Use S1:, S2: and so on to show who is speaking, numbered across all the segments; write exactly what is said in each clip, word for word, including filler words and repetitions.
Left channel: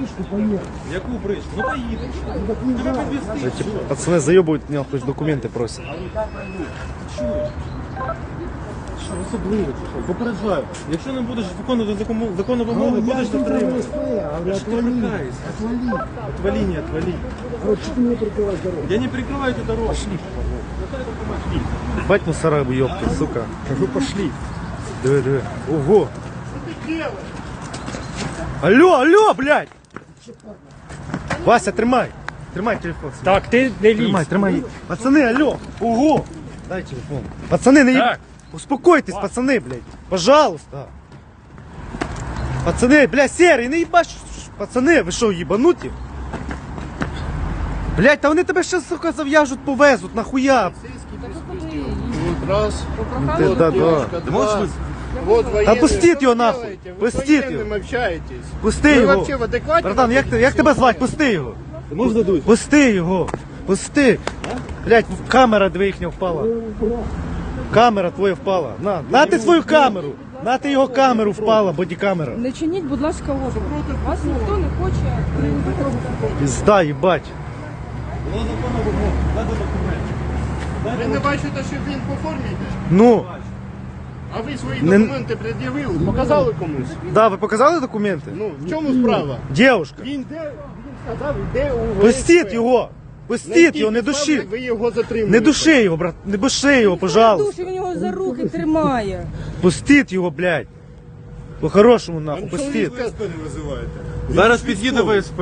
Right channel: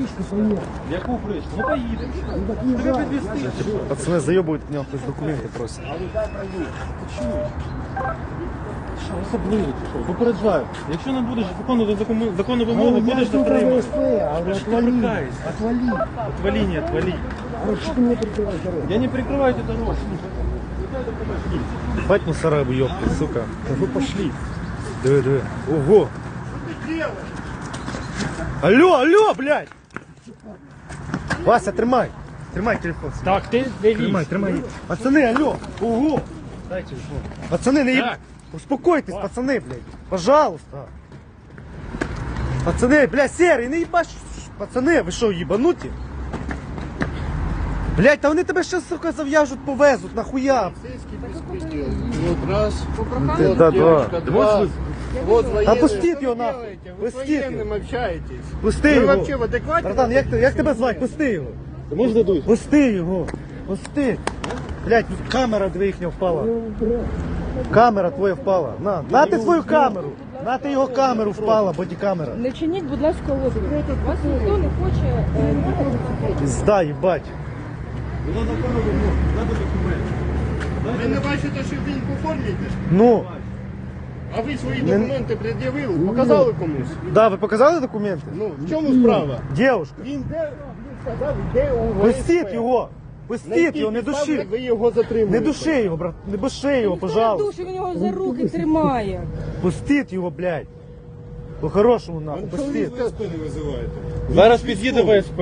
S1: бричку поїхали.
S2: Яку бричку? Ну поїдемо. Тебе підвезти.
S3: Пацаны заебывают меня, хоть документы просят.
S2: Що особливо, чи що? Попереджаю. Якщо не будеш виконувати законну, законну вимогу, будеш затримати.
S1: Отвали, отвали.
S2: Отвали, не отвали.
S1: Вот что ты мне прикрываешь дорогу?
S2: Я не прикрываю эту дорогу. Пошли.
S3: Бать мусора, ёпты, сука.
S2: Да вы пошли.
S3: Диви, диви. Ого. Алло, алло, блядь. Вася, тримай. Тримай телефон.
S2: Так, ти не
S3: Тримай, тримай. Пацаны, алло. Ого. Дай телефон. Пацаны, не...
S2: Так.
S3: Успокойтесь, пацаны, блядь. Пожалуйста. Пацаны, блядь, серый, не ебаш. Пацаны, ви що, ебануті? Блядь, та вони тебе ще, сука, зав'яжуть, повезуть, нахуя?
S4: Раз.
S3: Ти, да, да.
S4: Два. Вот военные.
S3: Та пустіть його нахуй.
S4: Вы с
S3: Пустіть
S4: военным
S3: його.
S4: общаетесь.
S3: Пусти
S4: Ви
S3: його.
S4: вообще в адекваті?
S3: Братан, як, ти- як тебе звати? Пусти його.
S2: Ну здадуть.
S3: Пусти його. Пусти. Блядь, камера дві їхня впала. Камера твоя впала. На, на ти свою камеру. На ти його камеру впала, бодікамера.
S5: Не чиніть, будь ласка, опір проти вас. Ніхто не хоче е, виходити.
S3: Пизда, їбать.
S2: Було законна вимога. Надо документи.
S4: Ви не бачите, що він по формі?
S3: Ну,
S4: А ви свої
S3: Не-
S4: документи пред'явили? Показали комусь?
S3: да, ви показали документи?
S4: Ну, в чому справа?
S3: Дівушка,
S4: Він де, він сказав, де у
S3: пустіть його. Пустіть його, не души.
S4: Ви його затримуєте.
S3: Не души його, брат, не души його, пожалуйста.
S5: Він його за руки тримає.
S3: Пустіть його, блядь. По-хорошому, нахуй, пустіть.
S2: Зараз під'їде ВСП.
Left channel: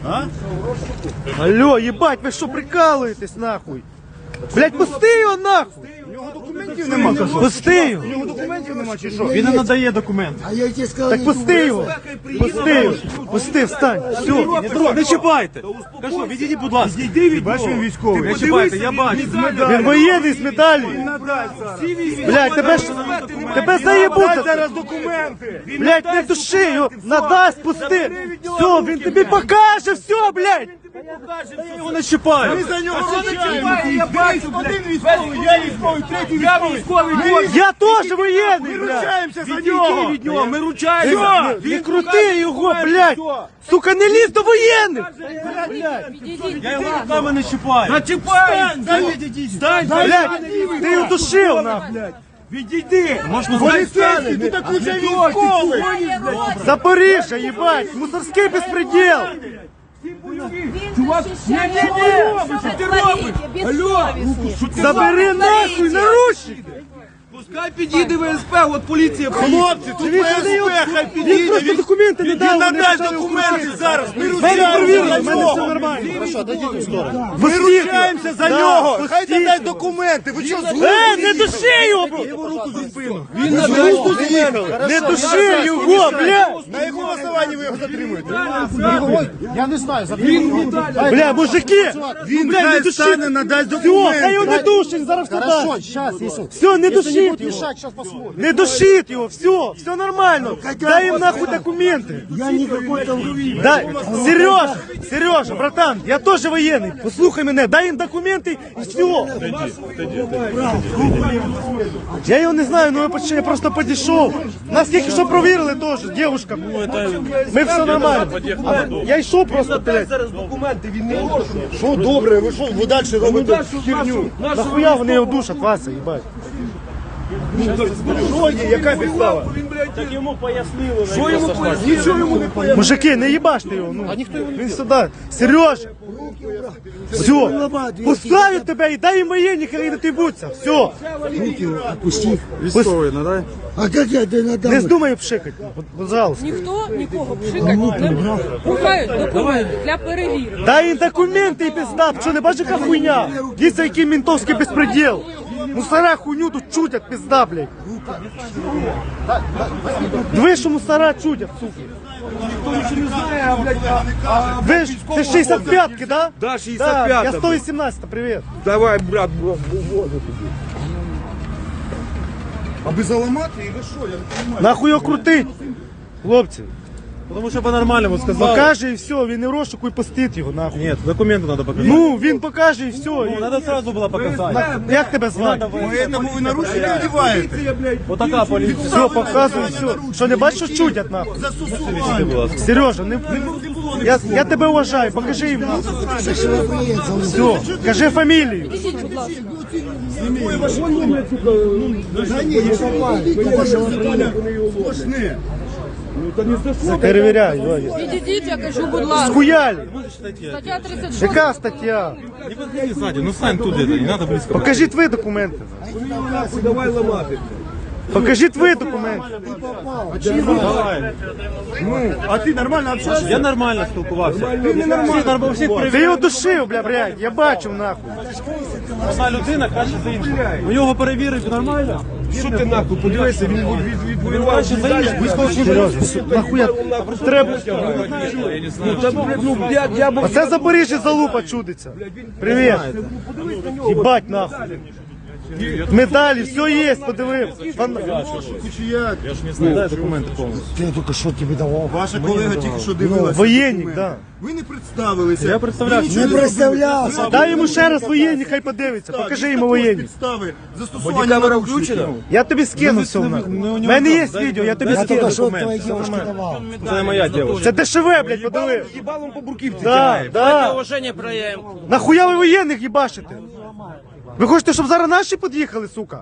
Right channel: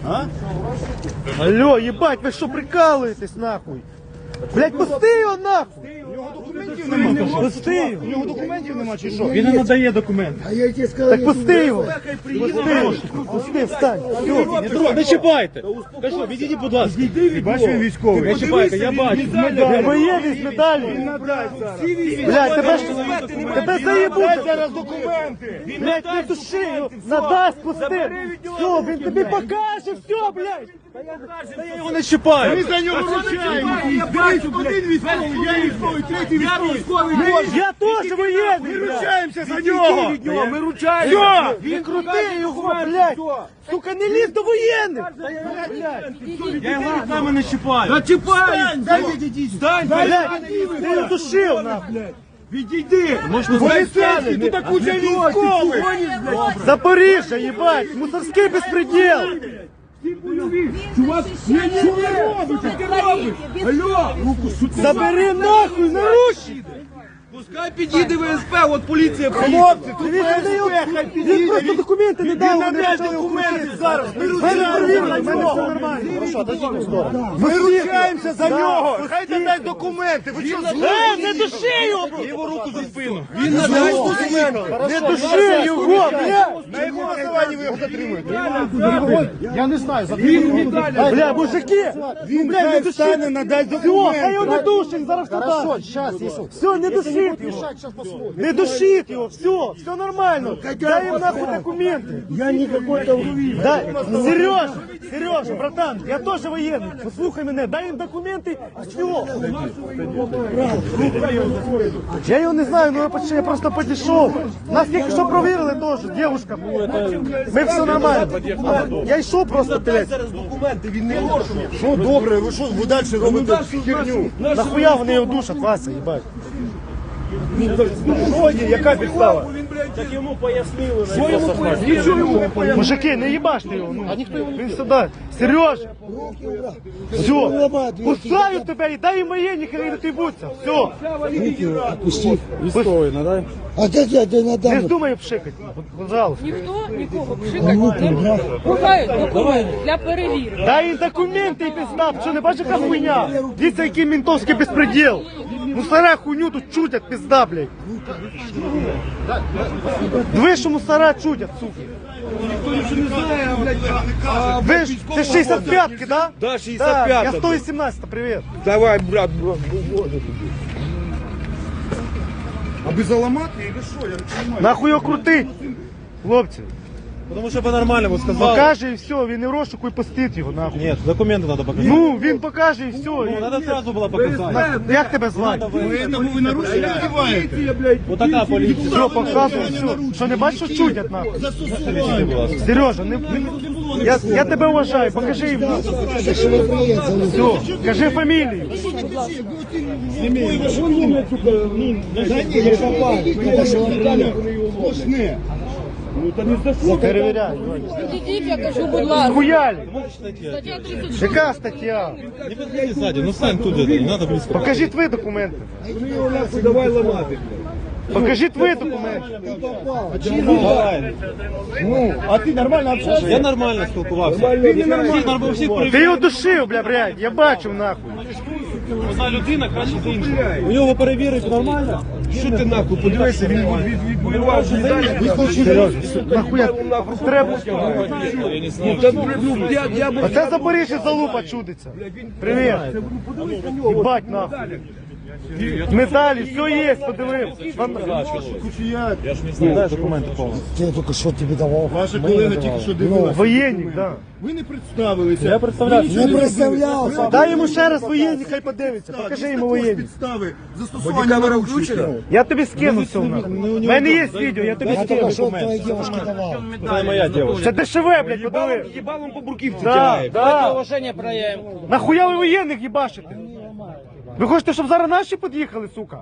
S3: Алло, ебать, ви що прикалуєтесь, нахуй? Блядь, пусти його, нахуй. Пусти його.
S2: Він не надає документи.
S1: А я тебе сказал,
S3: Так
S1: я
S3: пусти його. Пусти його. Пусти, встань. Все.
S2: Петро, не чіпайте. Кажу, відійдіть, будь ласка. Відійди від нього.
S3: Бачиш, він військовий.
S2: Не чіпайте, я бачу.
S3: Він воєнний з медаллю. Блядь, тебе ж, тебе заєбуться.
S2: Зараз документи.
S3: Блядь, не души його. Надасть, пусти. Все, він тобі покаже, все, блядь. Та я його не чіпаю.
S2: Ми за нього кричаємо. Я бачу, один військовий, я військовий, третій військовий.
S3: Я теж воєнний, блядь.
S2: Ручаємося за нього. Ми ручаємося.
S3: Все, не крути його, блядь. Сука, не лізь до воєнних.
S2: Я його руками не чіпаю. Не чіпаю. Стань,
S3: Блядь, ти його душив, нахуй.
S2: відійди. Можна поліцейський, ти так уже військовий.
S3: Запоріжжя, їбать, мусорський безпреділ.
S5: Чувак,
S2: Що ти робиш? Що ти робиш? Алло, руку, що ти
S3: Забери нахуй, наручники.
S2: Пускай підійде ВСП, от поліція. Хлопці, тут
S3: Він
S2: ВСП, хай
S3: Він
S2: підійде.
S3: просто документи не дав.
S2: Він
S3: вони
S2: надасть
S3: почали
S2: документи
S3: крутити.
S2: зараз. Ми
S3: Мене
S2: ручаємося
S3: перевірили,
S2: за
S3: в мене
S2: нього.
S3: все нормально.
S2: Ми
S3: Пустіть
S2: ручаємося за
S3: Да,
S2: нього. Хай
S3: пустіть
S2: надасть
S3: його.
S2: документи. Ви що,
S3: Е, не души його, бро.
S2: його руку за спину. Він надасть документи.
S3: Не души його, блядь.
S2: На якому основанні ви його затримуєте?
S4: Я не знаю,
S3: Бля, мужики,
S2: Він
S3: блядь, не
S2: хай
S3: души.
S2: стане, надасть
S3: Все, хай його не
S2: документи.
S3: душить, зараз
S4: Хорошо,
S3: туди.
S4: сейчас, если...
S3: Все, не душить його.
S4: Сейчас посмотрим.
S3: Не душить его, все, все нормально. Дай им нахуй документы.
S1: Я никакой там...
S3: Дай, Сережа, Сережа, братан, я тоже военный. Послухай мене, дай їм документи і все. Я його не знаю, ну я почти- я просто підійшов. Нас тільки що провірили теж, дівчинка. Ми все нормально. А я йшов просто, блядь.
S2: Зараз документи, він не може.
S3: Ну добре, ви що, ви далі робите херню. Нахуя вони його душать, Вася, їбать. Що є, яка підстава?
S2: Так йому пояснили. Що йому пояснили?
S3: Нічого йому не пояснили. Мужики, не їбаште його. Ну. Він сюди. Сереж! Все, поставлю тебе і дай їм воєнні, хай не тибуться. Все.
S1: Отпусти.
S2: Військовий, надай.
S1: А как я тебе надам?
S3: Не здумай пшикати, пожалуйста.
S5: Ніхто нікого пшити не буде. Бувають документи для перевірки.
S3: Дай їм документи і пизда, що не бачиш, яка хуйня? Дивіться, який ментовський безпреділ. Мусора хуйню тут чутять, пизда, блядь. Диви, що мусора чутять, сука. Ви ж, ти шістдесят п'ятки, да?
S2: Да, шістдесят п'ята.
S3: Я сто вісімнадцять, привіт.
S2: Давай, брат, брат, боже тобі. А без аламати і що? Я не розумію.
S3: Нахуй його крутить, хлопці.
S2: Тому що по-нормальному сказав.
S3: Покаже і все, він не розшуку і пустить його, нахуй.
S2: Ні, документи треба показати.
S3: Ну, він покаже і все. І...
S2: Треба одразу було показати.
S3: На- Як тебе звати?
S2: Ви, ви нарушили відбуваєте? Отака поліція.
S3: Все, показуй, все. Що не бачиш, що чудять, нахуй? Сережа, не, не, Я, я тебе уважаю, покажи їм. Все, кажи фамілію. Перевіряй.
S5: Відійдіть, я кажу, будь ласка.
S3: Скуяль.
S5: Стаття тридцять шість.
S3: Яка стаття?
S2: Не подходи сзади, ну стань тут, это, не надо близко.
S3: Покажіть ви документи.
S1: Давай ламати.
S3: Покажіть ви документи.
S2: Давай.
S4: А ти нормально общаешься?
S2: Я нормально спілкувався. Ти не нормально. Всі, всіх
S3: Ти
S2: перевіряв.
S3: його душив, бля, блядь, я бачив нахуй.
S2: Одна людина краще за іншу. Ви його перевірите нормально?
S4: Що ти нахуй, подивися, він відбивав
S3: Серйозно, нахуя треба. А це Запоріжжя залупа чудиться. Привіт. Їбать нахуй. Медалі, все є, подивився.
S2: Дай документи повністю.
S1: Ти тут що тобі давав?
S4: Ваша колега тільки що дивилася.
S3: Воєнник, да.
S4: Ви не представилися.
S2: Я представлявся.
S1: Не представлявся.
S3: Дай йому ще раз воєнник, хай подивиться. Покажи йому воєнник.
S4: Підстави застосування наручника.
S3: Я тобі скину все. У мене є відео, я тобі
S1: Я
S3: скину.
S1: тільки що твоїй дівчинці давав.
S2: Це моя дівчина.
S3: Це дешеве, блядь, подиви.
S4: Хібалом по бурківці.
S3: Да, да.
S2: Уваження проявим.
S3: Нахуя ви воєнних їбашите? Ви хочете, щоб зараз наші під'їхали, сука?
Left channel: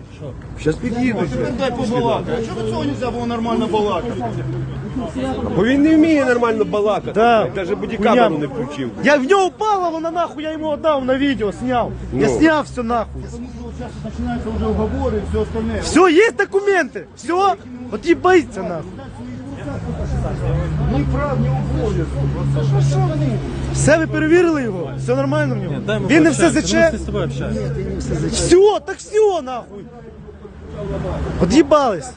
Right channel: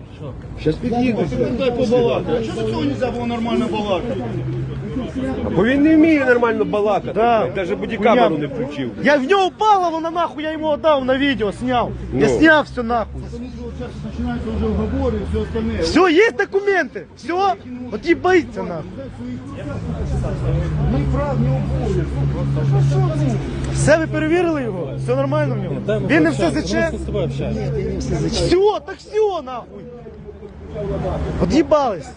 S4: Дай побалакати. А чого цього не було нормально балакати?
S6: Бо він не вміє нормально балакати.
S3: Да.
S6: Навіть бодікамеру не включив.
S3: Я в нього впала, вона нахуй, я йому отдав на відео, сняв. Я сняв все нахуй.
S4: Починаються вже уговори і все остальне.
S3: Все, є документи. Все, от їбається нахуй.
S4: Ні прав, ні обов'язків.
S3: Все, ви перевірили його? Все нормально в нього? Він не все заче?
S2: Ми з тобою общаємося.
S3: Все, так все нахуй. От'їбались.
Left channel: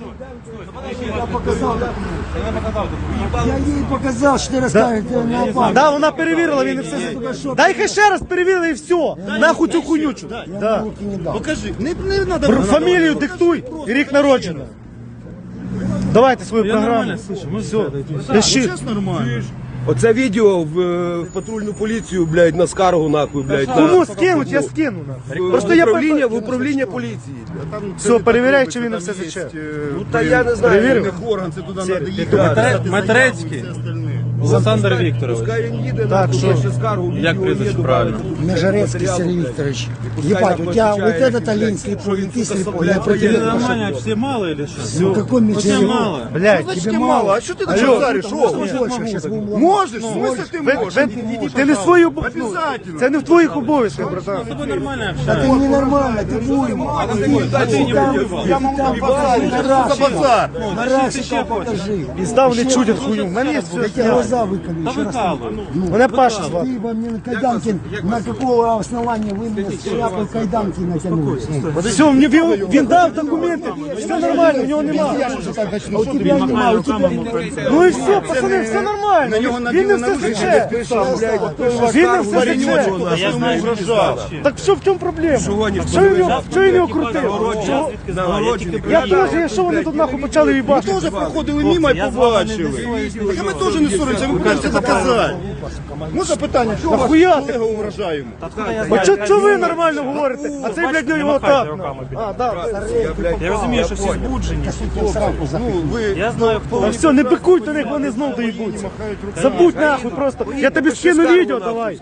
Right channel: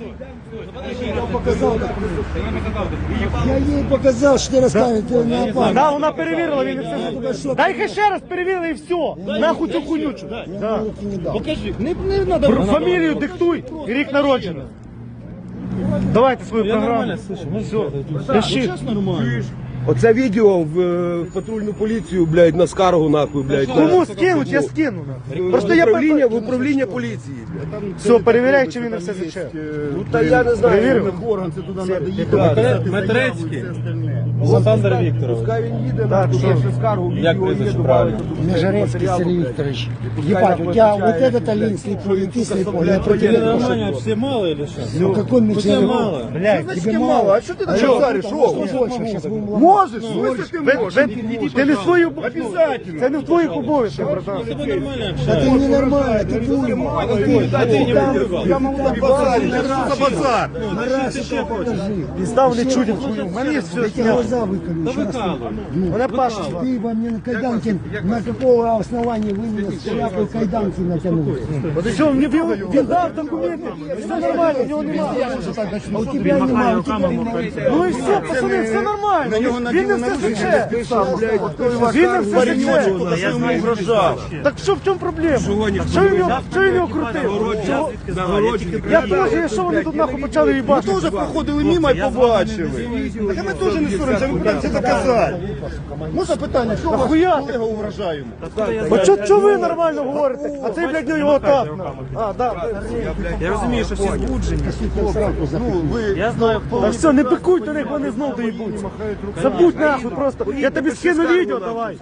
S1: Я їй показав, що ти розказуєш.
S3: Да, вона перевірила, він не все заче. Дай хай ще раз перевірили і все. Нахуй цю хуйнючу. Да.
S4: Покажи. Не, не надо.
S3: Фамілію диктуй і рік народження. Давайте свою
S2: Я
S3: програму.
S2: нормально, слушай, можеш
S3: Пиши.
S4: Чесно, нормально.
S6: Оце відео в, е, в патрульну поліцію, блядь, на скаргу, нахуй, блядь. на-
S3: Кому скинуть, я скину. нахуй.
S6: в,
S3: Просто я
S6: управління, в управління поліції. блядь.
S3: Все, перевіряй, чи він не все
S4: Є,
S3: заче.
S4: е,
S6: Ну, та я не знаю.
S3: Перевір.
S4: як орган, це туди треба їхати.
S6: Да,
S4: писати заяву і
S2: Матрецький.
S4: все остальне.
S2: Олександр
S6: Пускай-
S2: Вікторович.
S6: Пускай він їде, нахуй,
S3: що?
S6: пише скаргу,
S2: Як
S6: відео
S2: прізвище
S6: є,
S2: правильно?
S6: добавить до
S1: Межерецкий
S6: матеріалу,
S1: Сергей
S6: блядь.
S1: Викторович.
S6: І пускай
S1: Ебать,
S6: нам
S1: у тебя вот
S6: отвечает,
S1: этот
S6: блядь,
S1: олень слепой, ты слепой.
S6: блядь,
S1: Я про тебя
S6: военный.
S1: говорю.
S2: Нормально, все мало или что?
S1: Ну какой мне
S2: Все
S1: тебе
S2: мало.
S3: Блядь,
S4: Значить, мало. А що ти так
S3: Алло.
S4: шариш?
S1: Сейчас будем ломать.
S4: Можеш, в смысле ти
S3: ви-
S4: можеш?
S3: ви- ти не свою
S4: Обязательно.
S3: Це не в твоїх обов'язках, братан.
S2: С тобой нормально
S1: Ты
S2: общаемся.
S1: ненормальный, ты будем.
S4: Я можу написати. Що за базар?
S3: І став не чудять хуйню. На місці
S1: Я
S3: все
S1: тебе
S3: зняв.
S1: глаза выколи, еще раз.
S3: Мене Паша звати.
S1: Ты во мне на кайданки, на какого основания вы мне с шляпой кайданки натянули?
S3: Все, мені він, він дав документи, все нормально, в нього немає.
S1: А у тебя нема, у тебя нема.
S3: Ну і все, пацани, все нормально.
S4: На нього
S3: Він
S4: наділи
S3: не все
S4: наручники,
S3: заче.
S4: ти сам, блядь.
S3: Він не все
S4: Паренечок,
S3: заче.
S4: хто йому угрожав.
S3: Так що в чому проблема? Що він його, що він його крутив? Чого? Я теж, що вони тут нахуй почали
S4: Ми
S3: їбати?
S4: теж проходили мимо і побачили. Так і ми теж не соромся, ви кажете доказати. Ну запитання, що у вас
S3: Нахуя ти?
S4: колега угрожає йому?
S3: А чо, чо ви нормально говорите? А цей, блядь, його так. нахуй. А, да.
S2: Я розумію, що всі збуджені.
S4: Ну, ви...
S2: Я знаю, хто.
S3: А все, не пикуй до них, вони знов доїбуться. Забудь нахуй просто. Я тобі скину відео, давай.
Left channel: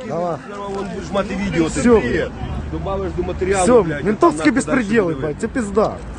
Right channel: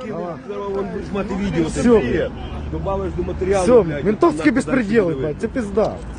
S4: Мати відео, це
S3: Все.
S4: бред.
S6: Добавиш до матеріалу,
S3: Все,
S6: блядь.
S3: ментовський
S6: нахуй,
S3: безпреділ,
S6: дальше
S3: блядь, це пизда.